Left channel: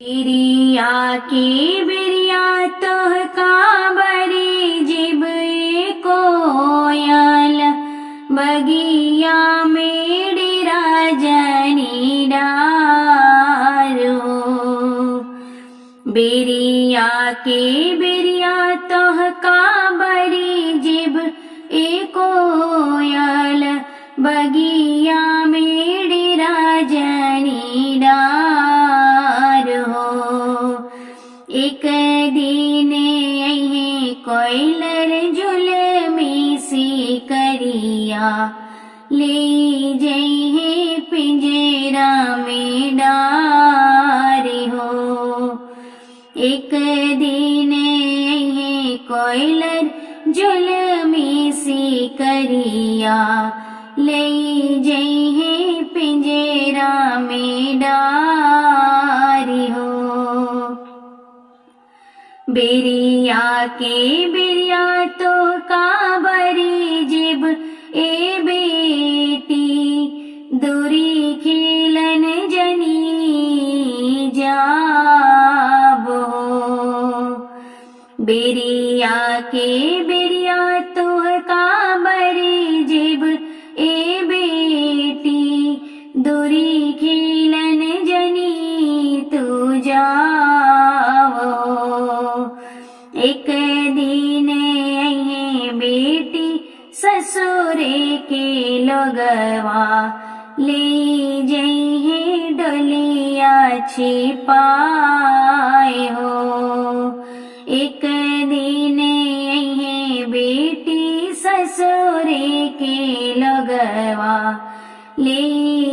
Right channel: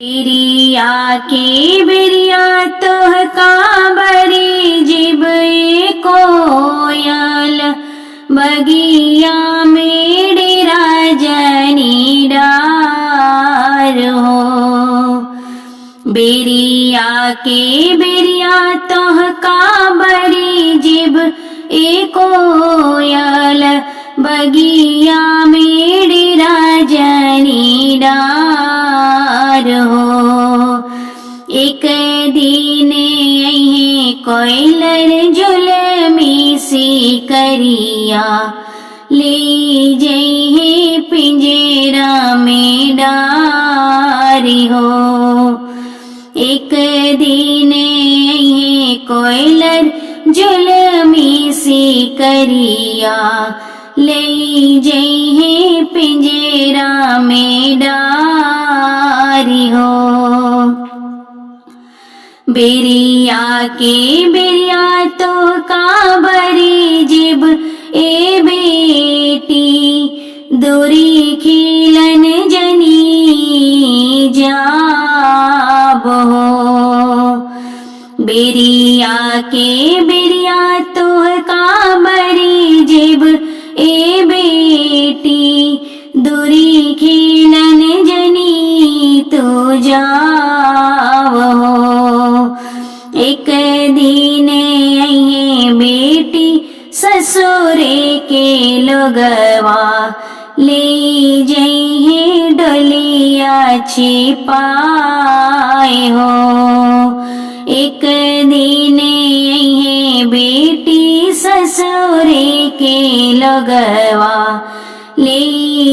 बिरिया के बिरिया तोह काबरी जिब कोयल बगिया में डेरा जनी डार हो। बिरिया के बिरिया तोह काबरी जिब कोयल बगिया में डेरा जनी डार हो। एक दिन यही कोयलर जुलमी सी करिया ले जही पिंजरा में डारी हो। एक दिन यही कोयलर जुलमी सी करिया ले जही पिंजरा में डारी हो। बिरिया के बिरिया तो काबरी जिब बेटी दूरी खिलन जनी जाब हो। बिरिया के बिरिया तो काबरी जिब बेटी दूरी खिलन जनी तो जाव हो। एक दिन यही बेटी ससुरे के लोगवा ले जही डोलिया छिपाए हो। एक दिन यही बेटी ससुरे के लोगवा ले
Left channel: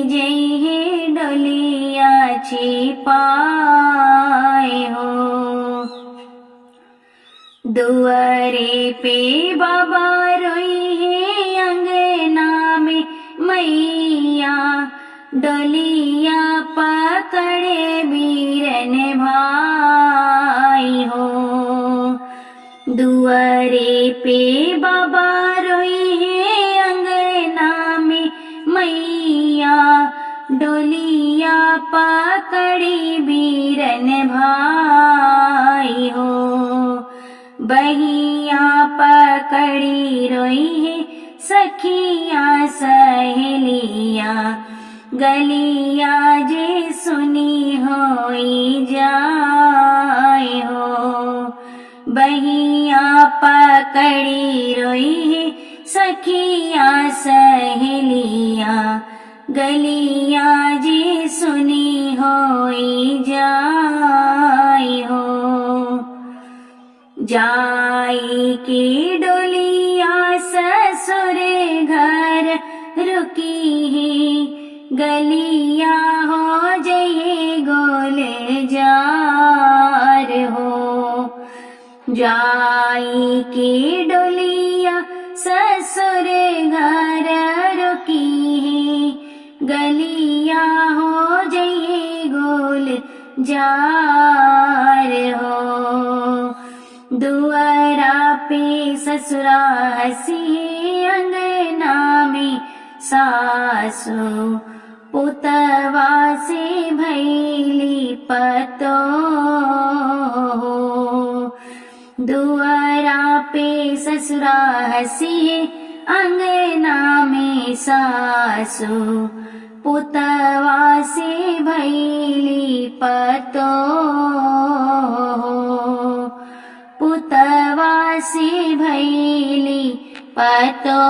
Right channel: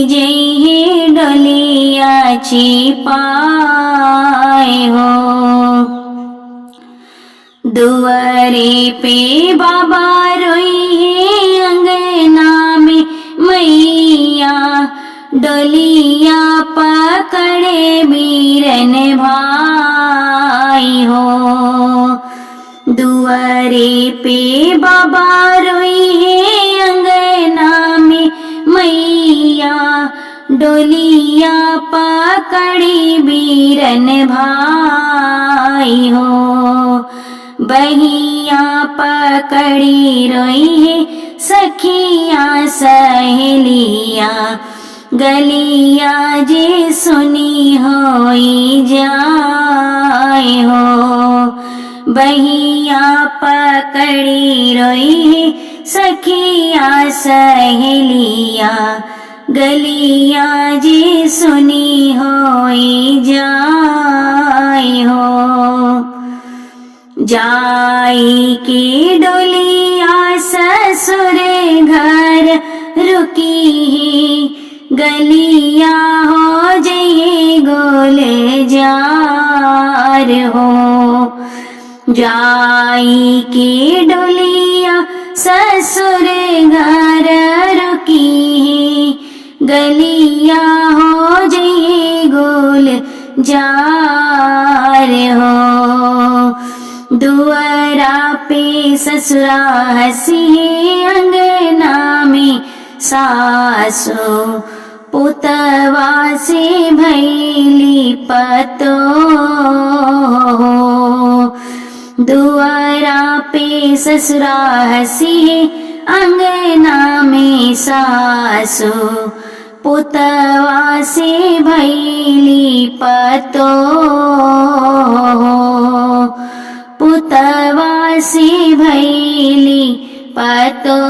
जही डोलिया छिपाए हो। दुआरे पे बाबा रोई है अंगना में मैया डोलिया पकड़े बीरन भाई हो। दुआरे पे बाबा रोई है अंगना में मैया डोलिया पकड़ी बीरन भाई हो। बहिया पकड़ी रोई है सखिया सहेलिया गलिया जे सुनी होई जाए हो। बहिया पकड़ी रोई है सखिया सहेलिया गलिया जे सुनी होई जाए हो। जाई की डोलिया ससुर घर रुकी है गलिया हो जये गोल जार हो। जाई की डोलिया ससुर घर रुकी है गलिया हो जये गोल जार हो। दुआरा पे ससुरा हसी अंगना में सासु पुतवा से भैली पतो। दुआरा पे ससुरा हसी अंगना में सासु पुतवा से भैली पतो। पुतवा से भैली पतो।